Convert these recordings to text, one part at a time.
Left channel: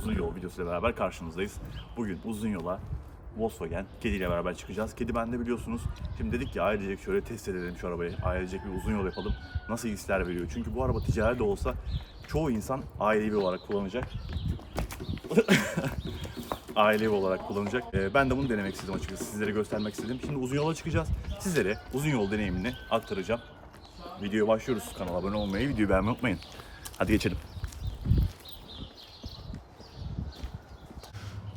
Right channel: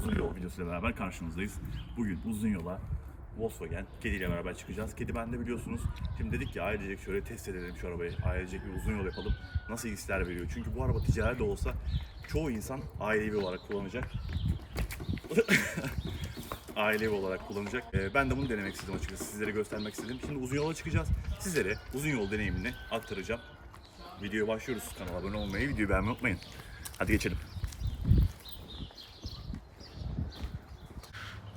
uzun yol videosuyla beraber karşınızdayız. Bugün uzun yola Volkswagen Kedi ile beraber çıkacağız. Kedi bende biliyorsunuz. Şimdi dedik ki ailecek şöyle test edelim şu arabayı. Ailecek bir uzun yol yapalım. Nasıl hisler veriyor? Çünkü bu araba ticari de olsa çoğu insan ailevi olarak kullanacak. ailevi olarak kullanacak. Ee, ben de bunu denemek istedim açıkçası. Sizlere göstermek istedim. Şimdi uzun yola çıkacağız. Sizlere uzun yol deneyimini aktaracağım. Videoya başlıyoruz. Kanala abone olmayı, videoyu beğenmeyi unutmayın. Hadi geçelim.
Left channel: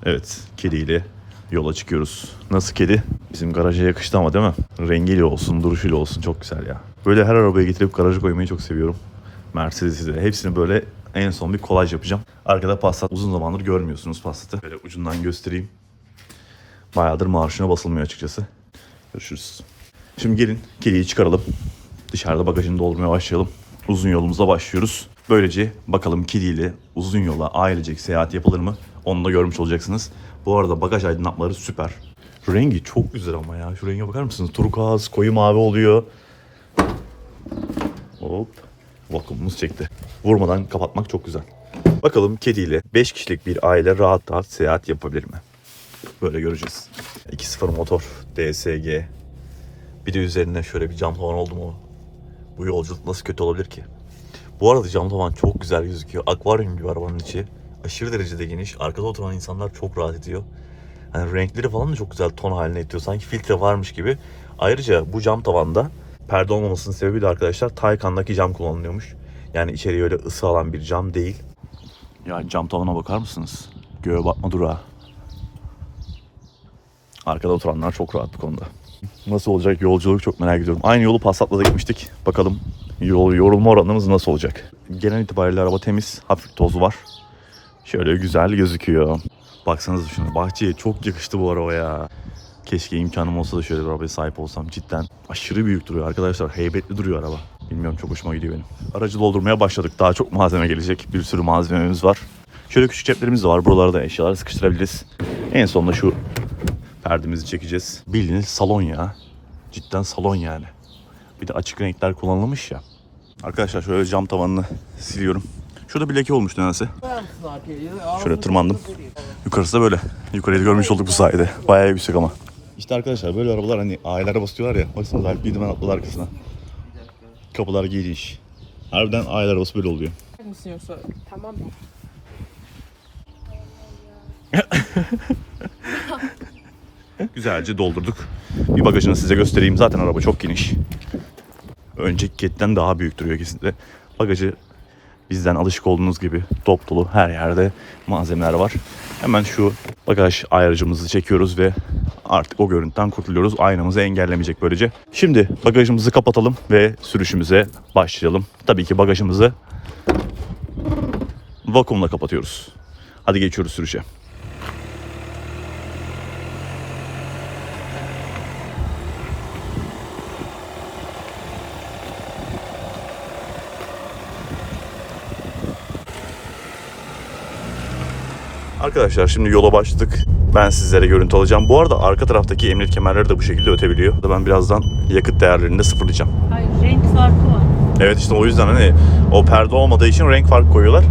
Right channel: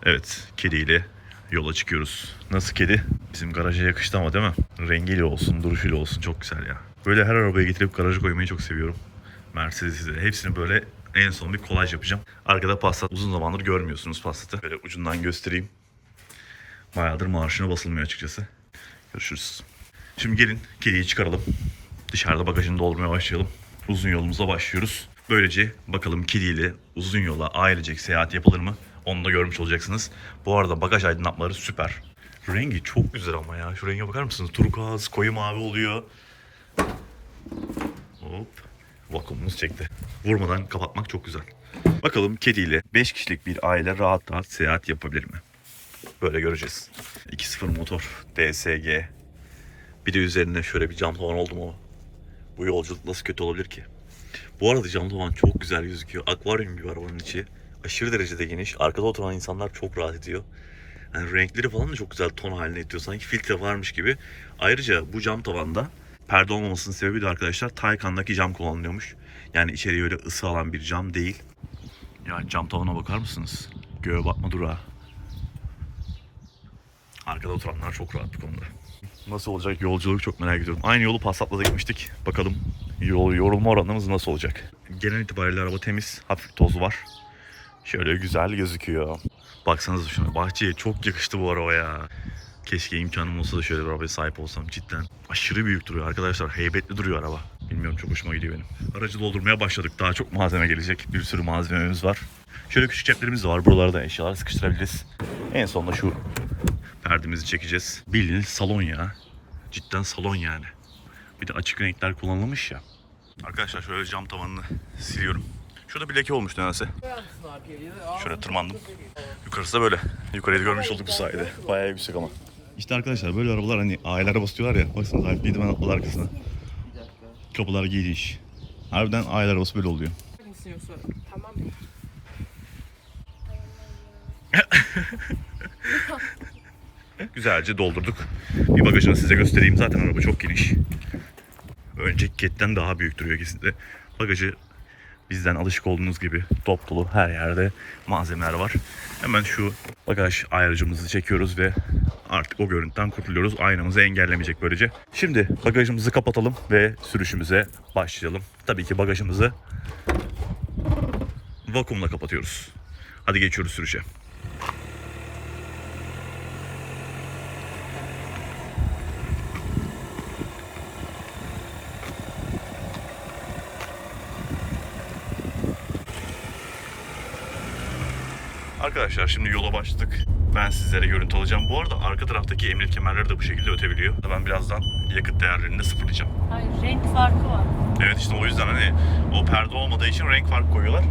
Evet, kediyle yola çıkıyoruz. Nasıl kedi? Bizim garaja yakıştı ama değil mi? Rengiyle olsun, duruşuyla olsun çok güzel ya. Böyle her arabaya getirip garaja koymayı çok seviyorum. Mercedes'i de. Hepsini böyle en son bir kolaj yapacağım. Arkada Passat. Uzun zamandır görmüyorsunuz Passat'ı. Böyle ucundan göstereyim. Bayağıdır marşına basılmıyor açıkçası. Görüşürüz. Şimdi gelin kediyi çıkaralım. Dışarıda bagajını doldurmaya başlayalım. Uzun yolumuza başlıyoruz. Böylece bakalım kediyle uzun yola ailecek seyahat yapılır mı? Onu da görmüş olacaksınız. Bu arada bagaj aydınlatmaları süper. Rengi çok güzel ama ya. Şu renge bakar mısınız? Turkuaz, koyu mavi oluyor. Hop. Vakumumuz çekti. Vurmadan kapatmak çok güzel. Bakalım kediyle 5 kişilik bir aile rahat rahat seyahat yapabilir mi? Böyle göreceğiz. 2.0 motor, DSG. Bir de üzerine şöyle bir cam tavan oldu mu? Bu yolculuk nasıl kötü olabilir ki? Bu arada cam tavan çok güzel gözüküyor. Akvaryum gibi arabanın içi. Aşırı derecede geniş. Arkada oturan insanlar çok rahat ediyor. Yani renkleri falan da çok güzel ton haline getiriyor. Sanki filtre varmış gibi. Ayrıca bu cam tavanda perde olmamasının sebebi de arkadaşlar Taycan'daki cam kullanılıyormuş. Yani içeriye öyle ısı alan bir cam değil. Ya cam tavana bakar mısınız? Göğe batma durağı. Arkada oturanlar çok rahat bu konuda. Nasıl olacak yolculuk çok merak ediyorum. Aynı yolu Passat'la da gitmiştik. Bakalım yol yorulma oranımız nasıl olacak. Genel itibariyle araba temiz. Hafif tozu var. Şöyle güzel gözüküyor. Baksanıza şuna. Bahçeye çok yakıştı bu araba ya. Keşke imkanım olsa da şöyle bir arabaya sahip olsam cidden. Aşırı büyük duruyor arkadaşlar. Heybetli duruyor araba. Bilmiyorum çok hoşuma gidiyor benim. Aracı doldurmaya başladık. Daha çok malzeme gelecek. Bir sürü malzememiz var. Şöyle küçük ceplerimiz de var. Buralara da eşyaları sıkıştırabiliriz. En sonunda şu perdemizi çekeceğiz. Bildiğiniz salon ya. Cidden salon yani. Bir de açık renkler kullanılmış ya. Arkadaşlar şöyle cam tavanını siliyorum. Şurada bir leke olmuş nedense. Şöyle tırmandım. Yukarısı da böyle. Yukarıyı da görmüş olduk bu sayede. Bayağı yüksek ama. İşte arkadaşlar böyle arabalar hani ailelere basıyorlar ya. Baksanıza Alp Lidemen atladı arkasına. Kapılar giymiş. Harbiden aile arabası böyle oluyor. mısın yoksa? Tamam. Güzelce doldurduk. Bir bagajını size göstereyim. Zaten araba çok geniş. Önceki ketten daha büyük duruyor kesinlikle. Bagajı bizden alışık olduğunuz gibi dop dolu her yerde malzemeler var. Hemen şu bagaj ayarıcımızı çekiyoruz ve artık o görüntüden kurtuluyoruz. Aynamızı engellemeyecek böylece. Şimdi bagajımızı kapatalım ve sürüşümüze başlayalım. Tabii ki bagajımızı vakumla kapatıyoruz. Hadi geçiyoruz sürüşe. Arkadaşlar şimdi yola başladık. Ben sizlere görüntü alacağım. Bu arada arka taraftaki emniyet kemerleri de bu şekilde ötebiliyor. Ben birazdan yakıt değerlerini de sıfırlayacağım. Hayır renk farkı var. Evet işte o yüzden hani o perde olmadığı için renk farkı koyuyorlar.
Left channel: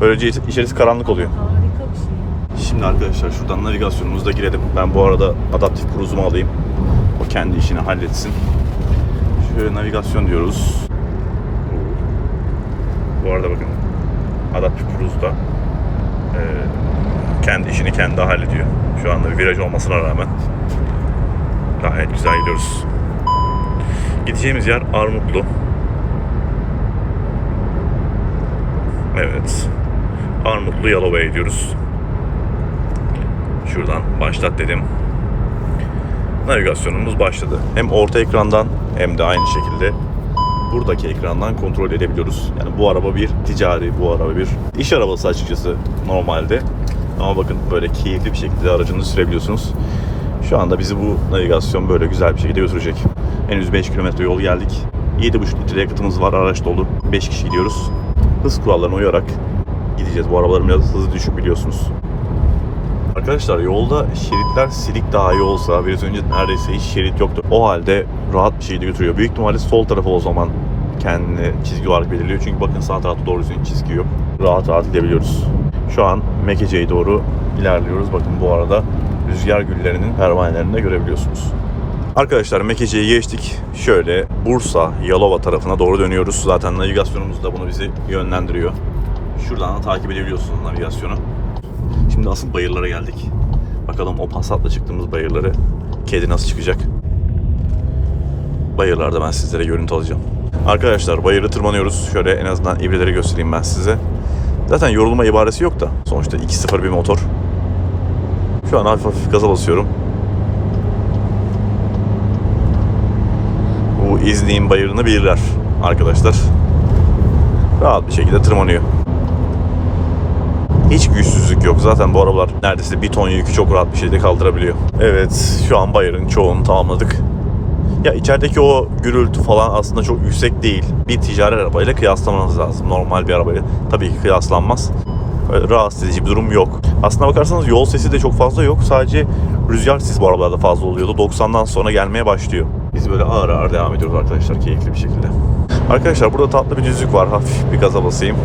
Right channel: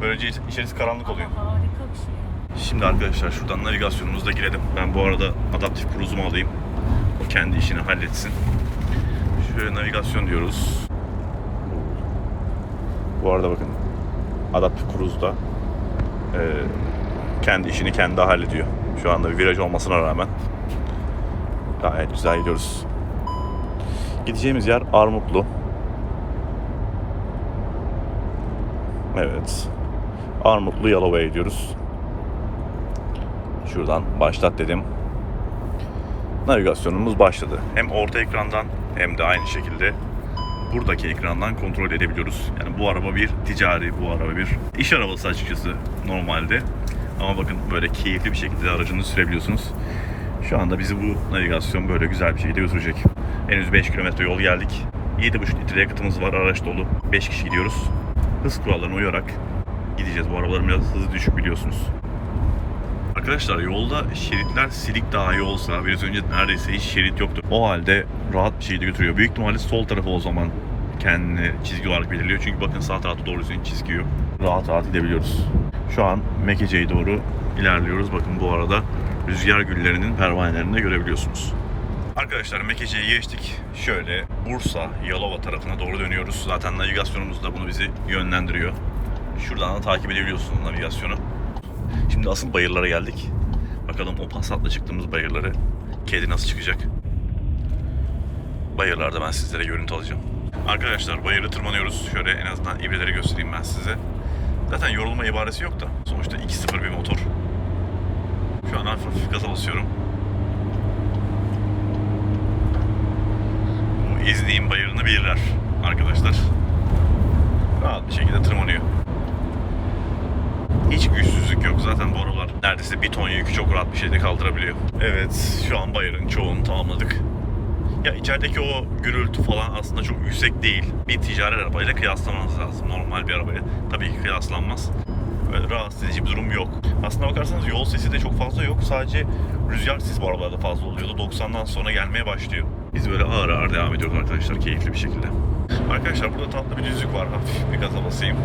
Böylece içerisi karanlık oluyor. Harika bir şey ya. Şimdi arkadaşlar şuradan navigasyonumuza girelim. Ben bu arada adaptif cruise'umu alayım. O kendi işini halletsin. Şöyle navigasyon diyoruz. Bu arada bakın adaptif cruise'da eee, kendi işini kendi hallediyor. Şu anda bir viraj olmasına rağmen gayet güzel gidiyoruz. Gideceğimiz yer Armutlu. Evet. Armutlu Yalova'ya gidiyoruz. Şuradan başlat dedim. Navigasyonumuz başladı. Hem orta ekrandan hem de aynı şekilde buradaki ekrandan kontrol edebiliyoruz. Yani bu araba bir ticari, bu araba bir iş arabası açıkçası normalde. Ama bakın böyle keyifli bir şekilde aracınızı sürebiliyorsunuz. Şu anda bizi bu navigasyon böyle güzel bir şekilde götürecek. Henüz 5 kilometre yol geldik. 7,5 litre yakıtımız var, araç dolu. 5 kişi gidiyoruz. Hız kurallarına uyarak gideceğiz. Bu arabaların biraz hızı düşük biliyorsunuz. Arkadaşlar yolda şeritler silik daha iyi olsa biraz önce neredeyse hiç şerit yoktu. O halde rahat bir şekilde götürüyor. Büyük ihtimalle sol tarafı o zaman kendini çizgi olarak belirliyor. Çünkü bakın sağ tarafta doğru düzgün çizgi yok. Rahat rahat gidebiliyoruz. Şu an Mekece'ye doğru ilerliyoruz. Bakın bu arada rüzgar güllerinin pervanelerini de görebiliyorsunuz. Arkadaşlar Mekece'yi geçtik. Şöyle Bursa, Yalova tarafına doğru dönüyoruz. Zaten navigasyonumuz da bunu bizi yönlendiriyor. Şuradan da takip edebiliyorsunuz navigasyonu. Şimdi asıl bayırlara geldik. Bakalım o Passat'la çıktığımız bayırları kedi nasıl çıkacak? Bayırlarda ben sizlere görüntü alacağım. Arkadaşlar bayırı tırmanıyoruz. Şöyle en azından ibreleri göstereyim ben size. Zaten yorulma ibaresi yok da. Sonuçta 2.0 bir motor. Şu an hafif hafif gaza basıyorum. Bu İznik'in bayırını bilirler arkadaşlar. Rahat bir şekilde tırmanıyor. Hiç güçsüzlük yok. Zaten bu arabalar neredeyse bir ton yükü çok rahat bir şekilde kaldırabiliyor. Evet şu an bayırın çoğunu tamamladık. Ya içerideki o gürültü falan aslında çok yüksek değil. Bir ticari arabayla kıyaslamanız lazım. Normal bir arabayla tabii ki kıyaslanmaz. Öyle rahatsız edici bir durum yok. Aslına bakarsanız yol sesi de çok fazla yok. Sadece rüzgar sesi bu arabalarda fazla oluyordu. 90'dan sonra gelmeye başlıyor. Biz böyle ağır ağır devam ediyoruz arkadaşlar keyifli bir şekilde. Arkadaşlar burada tatlı bir düzlük var. Hafif bir gaza basayım.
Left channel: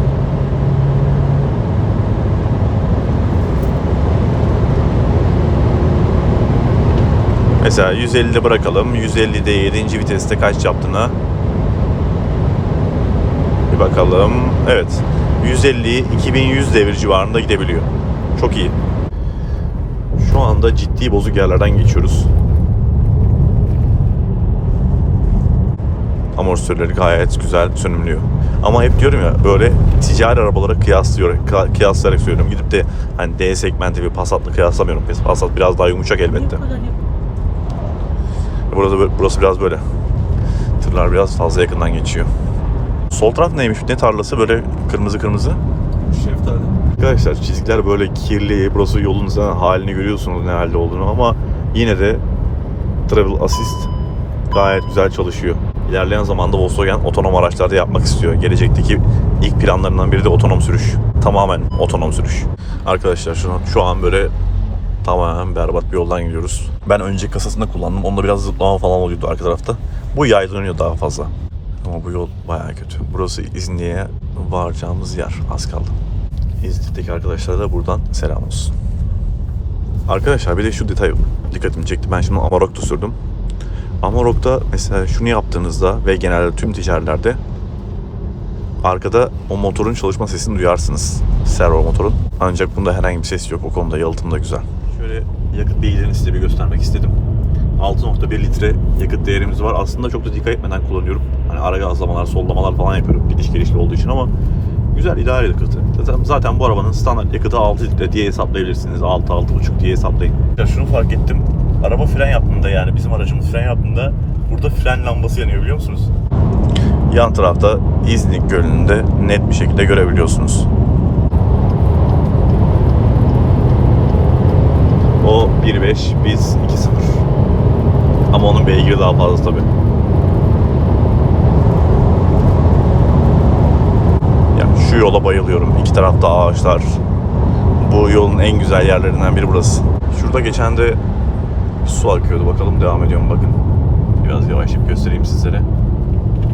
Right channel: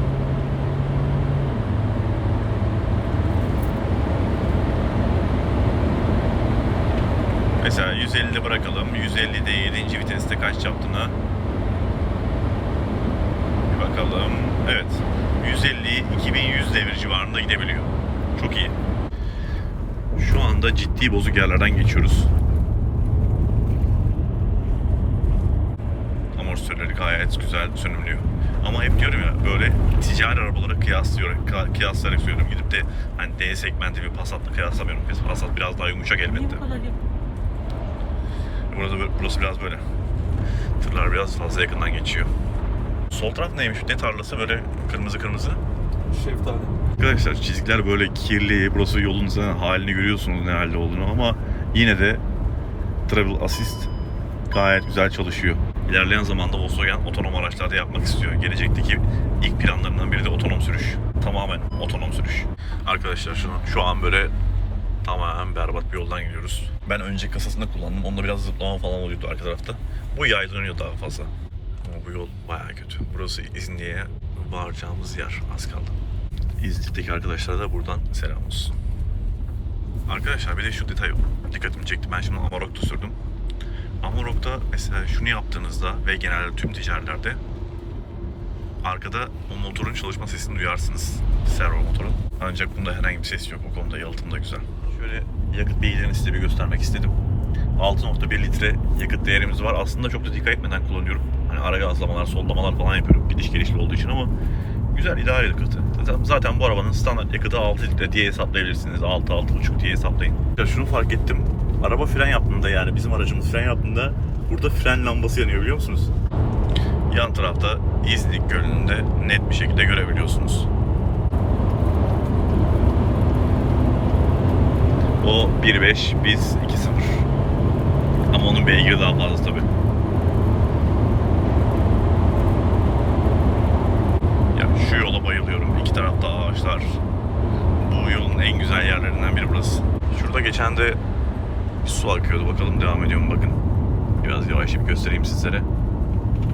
Mesela 150'de bırakalım. 150'de 7. viteste kaç yaptığını bir bakalım. Evet. 150 2100 devir civarında gidebiliyor. Çok iyi. Şu anda ciddi bozuk yerlerden geçiyoruz. Amortisörleri gayet güzel sönümlüyor. Ama hep diyorum ya böyle ticari arabalara kıyaslıyor, kıya- kıyaslayarak söylüyorum. Gidip de hani D segmenti bir Passat'la kıyaslamıyorum. Passat biraz daha yumuşak Niye elbette. yap- Burada burası biraz böyle. Tırlar biraz fazla yakından geçiyor. Sol taraf neymiş? Ne tarlası böyle kırmızı kırmızı? Şeftali. Arkadaşlar çizgiler böyle kirli. Burası yolun zaten halini görüyorsunuz ne halde olduğunu ama yine de Travel Assist gayet güzel çalışıyor. İlerleyen zamanda Volkswagen otonom araçlarda yapmak istiyor. Gelecekteki ilk planlarından biri de otonom sürüş. Tamamen otonom sürüş. Arkadaşlar şu an, şu an böyle tamamen berbat bir yoldan gidiyoruz. Ben önce kasasında kullandım. Onda biraz zıplama falan oluyordu arka tarafta. Bu yaylanıyor daha fazla. Ama bu yol bayağı kötü. Burası İznik'e varacağımız yer. Az kaldı. İznik'teki arkadaşlara da buradan selam olsun. Arkadaşlar bir de şu detay dikkatimi çekti. Ben şimdi Amarok'ta sürdüm. Amarok'ta mesela şunu yaptığınızda ve genelde tüm ticarilerde arkada o motorun çalışma sesini duyarsınız. Servo motorun. Ancak bunda herhangi bir ses yok. O konuda yalıtım da güzel. Yakıt bilgilerini size bir göstermek istedim. 6.1 litre yakıt değerimiz var. Aslında çok da dikkat etmeden kullanıyorum. Hani ara gazlamalar, sollamalar falan yapıyorum. Gidiş gelişli olduğu için ama güzel ideal yakıtı. Zaten, zaten bu arabanın standart yakıtı 6 litre diye hesaplayabilirsiniz. 6-6.5 diye hesaplayın. Ya şunu fark ettim. Araba fren yaptığında yani bizim aracımız fren yaptığında burada fren lambası yanıyor biliyor musunuz? Yan tarafta İznik Gölü'nde net bir şekilde görebiliyorsunuz. O 1.5 biz 2.0. Ama onun beygiri daha fazla tabii. Ya şu yola bayılıyorum. İki tarafta ağaçlar. Bu yolun en güzel yerlerinden biri burası. Şurada geçen de su akıyordu. Bakalım devam ediyor mu bakın. Biraz yavaşlayıp göstereyim sizlere.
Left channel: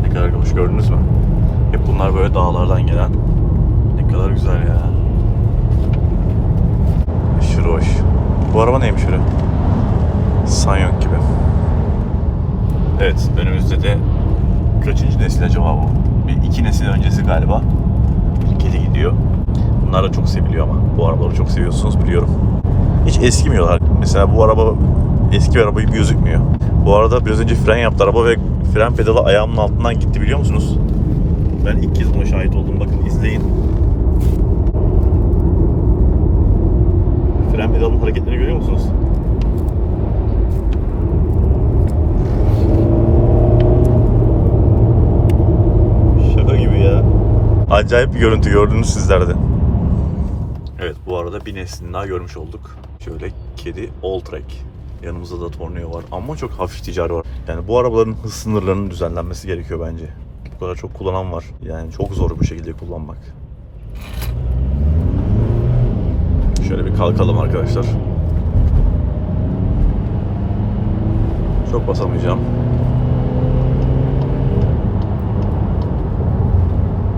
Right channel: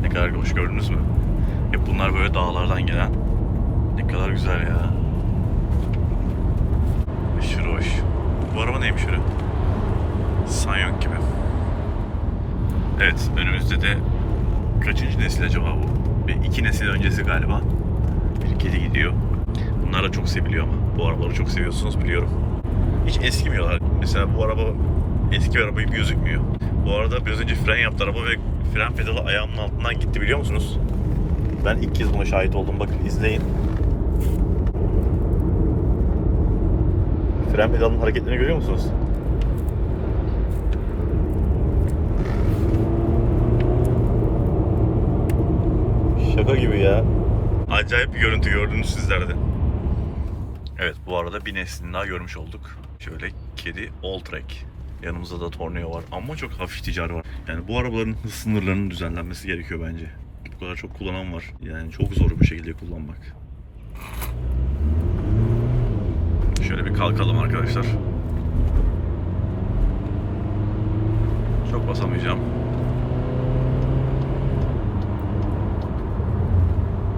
Ne kadar hoş gördünüz mü? Hep bunlar böyle dağlardan gelen. Ne kadar güzel ya. Aşırı hoş. Bu araba neymiş öyle? Sanyong gibi. Evet, önümüzde de kaçıncı nesil acaba bu? Bir iki nesil öncesi galiba. Bir kedi gidiyor. Bunlar da çok seviliyor ama. Bu arabaları çok seviyorsunuz biliyorum. Hiç eskimiyorlar. Mesela bu araba eski bir araba gibi gözükmüyor. Bu arada biraz önce fren yaptı araba ve fren pedalı ayağımın altından gitti biliyor musunuz? Ben ilk kez buna şahit oldum. Bakın izleyin. Fren pedalının hareketlerini görüyor musunuz? Şaka gibi ya. Acayip bir görüntü gördünüz sizler de. Evet bu arada bir neslini daha görmüş olduk. Şöyle kedi All Track. Yanımızda da Tornado var ama çok hafif ticari var. Yani bu arabaların hız sınırlarının düzenlenmesi gerekiyor bence. Bu kadar çok kullanan var. Yani çok zor bu şekilde kullanmak. Şöyle bir kalkalım arkadaşlar. Çok basamayacağım.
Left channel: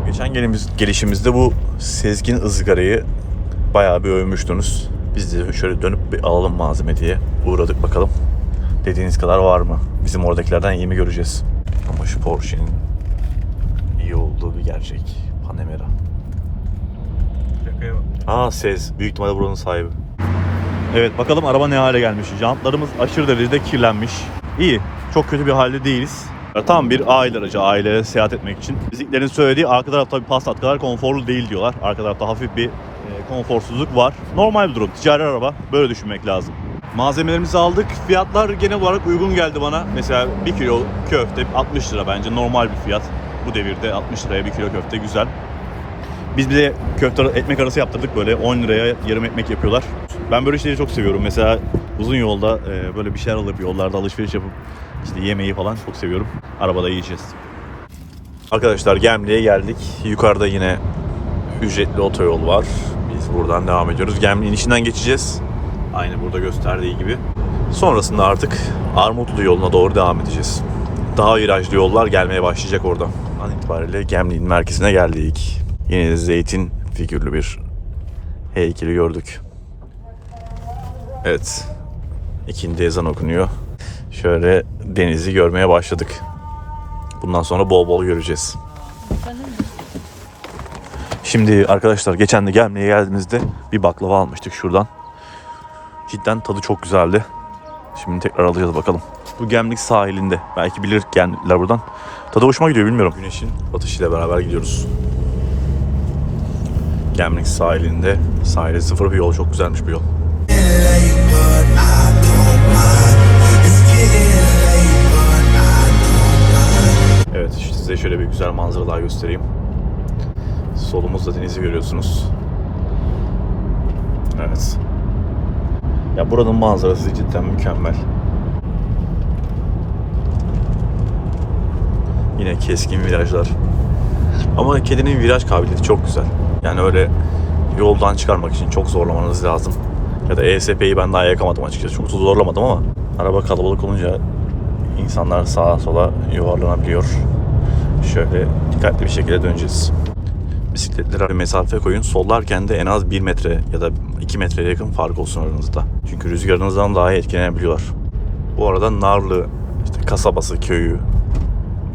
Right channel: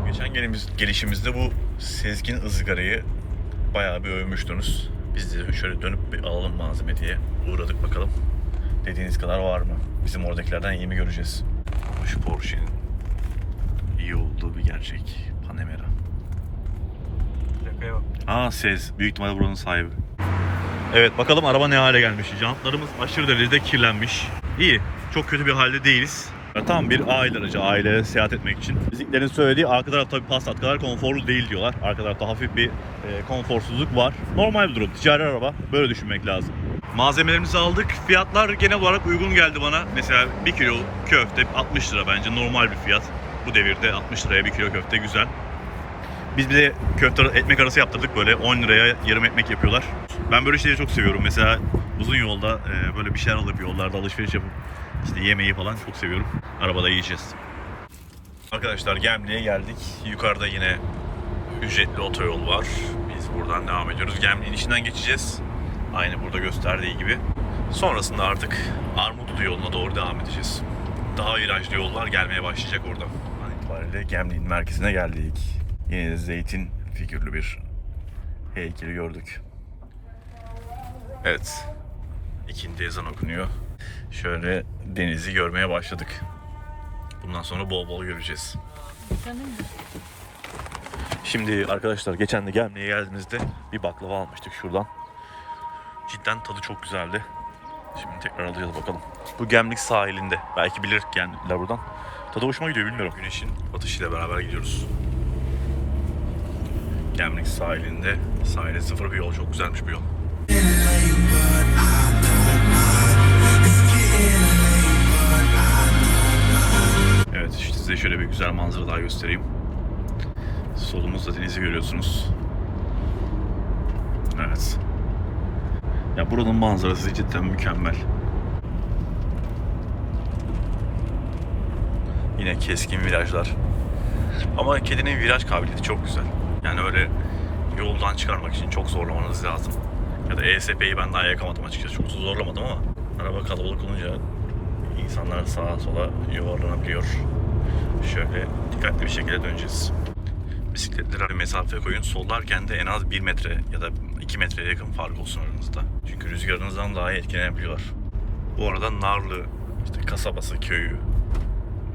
Geçen gelimiz, gelişimizde bu Sezgin ızgarayı bayağı bir övmüştünüz. Biz de şöyle dönüp bir alalım malzeme diye uğradık bakalım. Dediğiniz kadar var mı? Bizim oradakilerden iyi mi göreceğiz? Ama şu Porsche'nin iyi olduğu bir gerçek. Aa Sez. Büyük ihtimalle buranın sahibi. Evet bakalım araba ne hale gelmiş. Jantlarımız aşırı derecede kirlenmiş. İyi. Çok kötü bir halde değiliz. Tam bir aile aracı aileye seyahat etmek için. Bizimkilerin söylediği arka taraf tabii Passat kadar konforlu değil diyorlar. Arka tarafta hafif bir e, konforsuzluk var. Normal bir durum. Ticari araba. Böyle düşünmek lazım. Malzemelerimizi aldık. Fiyatlar genel olarak uygun geldi bana. Mesela 1 kilo köfte 60 lira bence normal bir fiyat. Bu devirde 60 liraya 1 kilo köfte güzel. Biz bize köfte ekmek arası yaptırdık böyle 10 liraya yarım ekmek yapıyorlar. Ben böyle şeyleri çok seviyorum. Mesela uzun yolda e, böyle bir şeyler alıp yollarda alışveriş yapıp işte yemeği falan çok seviyorum. Arabada yiyeceğiz. Arkadaşlar Gemli'ye geldik. Yukarıda yine ücretli otoyol var. Biz buradan devam ediyoruz. Gemli'nin içinden geçeceğiz. Aynı burada gösterdiği gibi. Sonrasında artık Armutlu yoluna doğru devam edeceğiz. Daha virajlı yollar gelmeye başlayacak orada. An itibariyle Gemli'nin merkezine geldik. Yine de zeytin figürlü bir heykeli gördük. Evet. İkindi ezan okunuyor. Şöyle denizi görmeye başladık. Bundan sonra bol bol göreceğiz. Şimdi arkadaşlar geçen de gelmeye geldiğimizde bir baklava almıştık şuradan. Cidden tadı çok güzeldi. Şimdi tekrar alacağız bakalım. Bu Gemlik sahilinde. Belki bilir buradan. Tadı hoşuma gidiyor bilmiyorum. Güneşin batışıyla beraber gidiyoruz. Gemlik sahilinde. Sahile sıfır bir yol. Çok güzelmiş bu yol. Evet işte size şöyle bir güzel manzara daha göstereyim. Solumuzda denizi görüyorsunuz. Evet. Ya buranın manzarası cidden mükemmel. Yine keskin virajlar. Ama kedinin viraj kabiliyeti çok güzel. Yani öyle yoldan çıkarmak için çok zorlamanız lazım. Ya da ESP'yi ben daha yakamadım açıkçası. Çok zorlamadım ama araba kalabalık olunca insanlar sağa sola yuvarlanabiliyor. Şöyle dikkatli bir şekilde döneceğiz bisikletlere bir mesafe koyun. Sollarken de en az 1 metre ya da 2 metreye yakın fark olsun aranızda. Çünkü rüzgarınızdan daha etkilenebiliyorlar. Bu arada Narlı işte kasabası, köyü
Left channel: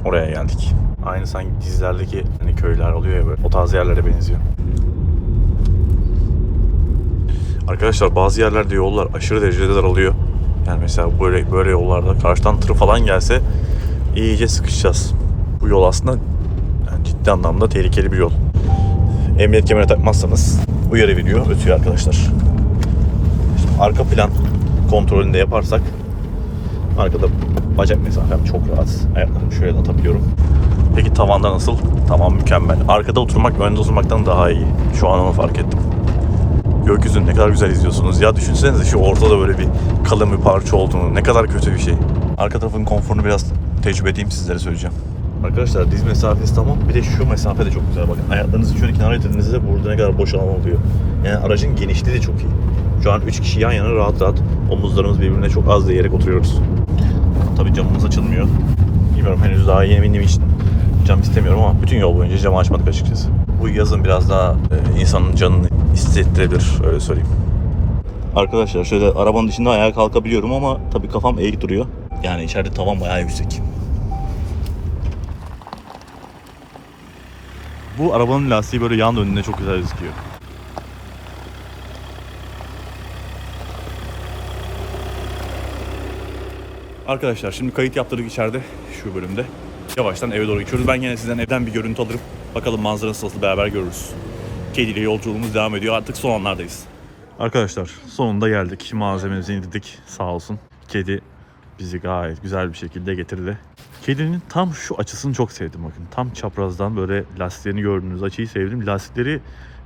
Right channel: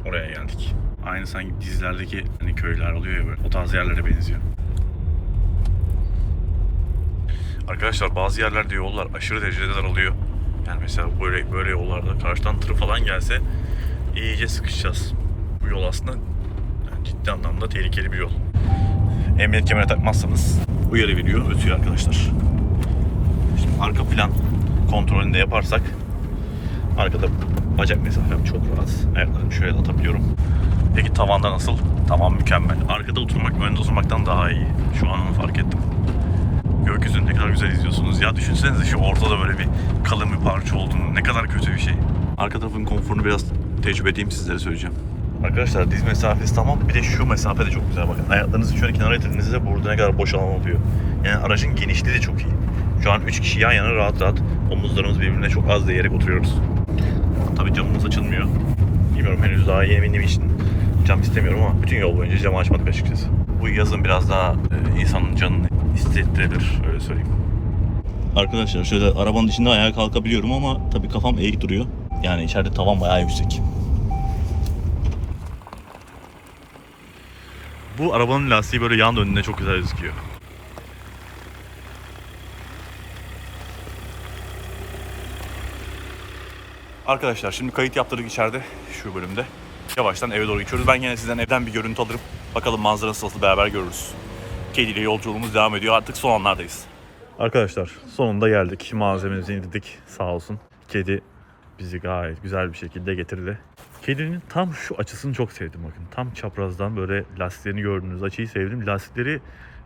oraya geldik. Aynı sanki dizilerdeki hani köyler oluyor ya böyle. O tarz yerlere benziyor. Arkadaşlar bazı yerlerde yollar aşırı derecede daralıyor. Yani mesela böyle böyle yollarda karşıdan tır falan gelse iyice sıkışacağız. Bu yol aslında yani ciddi anlamda tehlikeli bir yol. Emniyet kemeri takmazsanız uyarı veriyor, ötüyor arkadaşlar. Şimdi arka plan kontrolünü de yaparsak arkada bacak mesafem çok rahat. Ayaklarımı şöyle atabiliyorum. Peki tavanda nasıl? Tamam mükemmel. Arkada oturmak önde oturmaktan daha iyi. Şu an onu fark ettim. Gökyüzünü ne kadar güzel izliyorsunuz. Ya düşünsenize şu ortada böyle bir kalın bir parça olduğunu. Ne kadar kötü bir şey. Arka tarafın konforunu biraz tecrübe edeyim sizlere söyleyeceğim. Arkadaşlar diz mesafesi tamam. Bir de şu mesafe de çok güzel. Bakın ayaklarınızı şöyle kenara getirdiğinizde burada ne kadar boş alan oluyor. Yani aracın genişliği de çok iyi. Şu an 3 kişi yan yana rahat rahat omuzlarımız birbirine çok az değerek oturuyoruz. Tabii camımız açılmıyor. Bilmiyorum henüz daha yeni bindiğim için cam istemiyorum ama bütün yol boyunca camı açmadık açıkçası. Bu yazın biraz daha e, insanın canını hissettirebilir öyle söyleyeyim. Arkadaşlar şöyle arabanın içinde ayağa kalkabiliyorum ama tabii kafam eğik duruyor. Yani içeride tavan bayağı yüksek. Bu arabanın lastiği böyle yan önüne çok güzel gözüküyor. Arkadaşlar şimdi kayıt yaptırdık içeride şu bölümde. Yavaştan eve doğru geçiyoruz. Ben yine sizden evden bir görüntü alırım. Bakalım manzarası nasıl beraber görürüz. Kediyle yolculuğumuz devam ediyor. Artık son anlardayız. Arkadaşlar sonunda geldik. Malzememizi indirdik sağ olsun. Kedi bizi gayet güzel bir şekilde getirdi. Kedinin tam şu açısını çok sevdim bakın. Tam çaprazdan böyle lastiklerini gördüğünüz açıyı sevdim. Lastikleri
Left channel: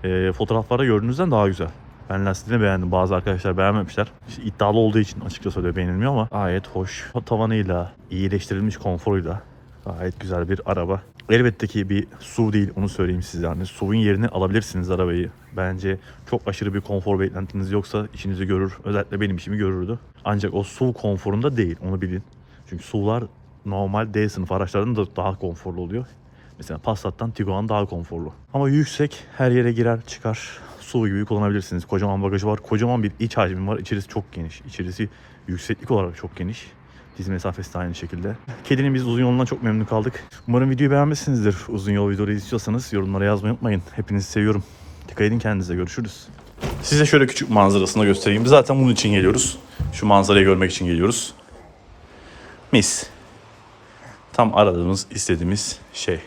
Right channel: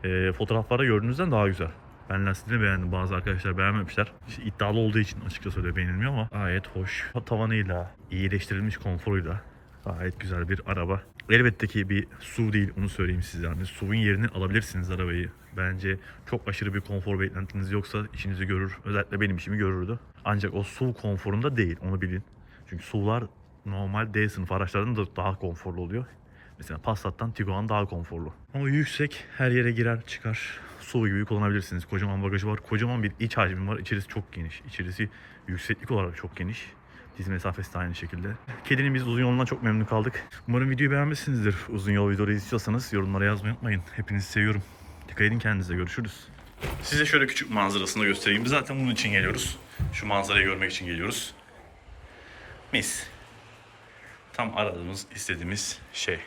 e, fotoğraflarda gördüğünüzden daha güzel. Ben lastiklerini beğendim. Bazı arkadaşlar beğenmemişler. İşte iddialı olduğu için açıkçası öyle beğenilmiyor ama gayet hoş. Tavanıyla, iyileştirilmiş konforuyla gayet güzel bir araba. Elbette ki bir SUV değil onu söyleyeyim size. Yani SUV'un yerini alabilirsiniz arabayı. Bence çok aşırı bir konfor beklentiniz yoksa işinizi görür. Özellikle benim işimi görürdü. Ancak o SUV konforunda değil onu bilin. Çünkü SUV'lar normal D sınıf araçlardan da daha konforlu oluyor. Mesela Passat'tan Tiguan daha konforlu. Ama yüksek her yere girer çıkar. Su gibi kullanabilirsiniz. Kocaman bagajı var. Kocaman bir iç hacmi var. İçerisi çok geniş. İçerisi yükseklik olarak çok geniş. Diz mesafesi de aynı şekilde. Kedinin biz uzun yolundan çok memnun kaldık. Umarım videoyu beğenmişsinizdir. Uzun yol videoları istiyorsanız yorumlara yazmayı unutmayın. Hepinizi seviyorum. Dikkat edin kendinize. Görüşürüz. Size şöyle küçük manzarasını göstereyim. Zaten bunun için geliyoruz. Şu manzarayı görmek için geliyoruz. Mis. Tam aradığımız, istediğimiz şey.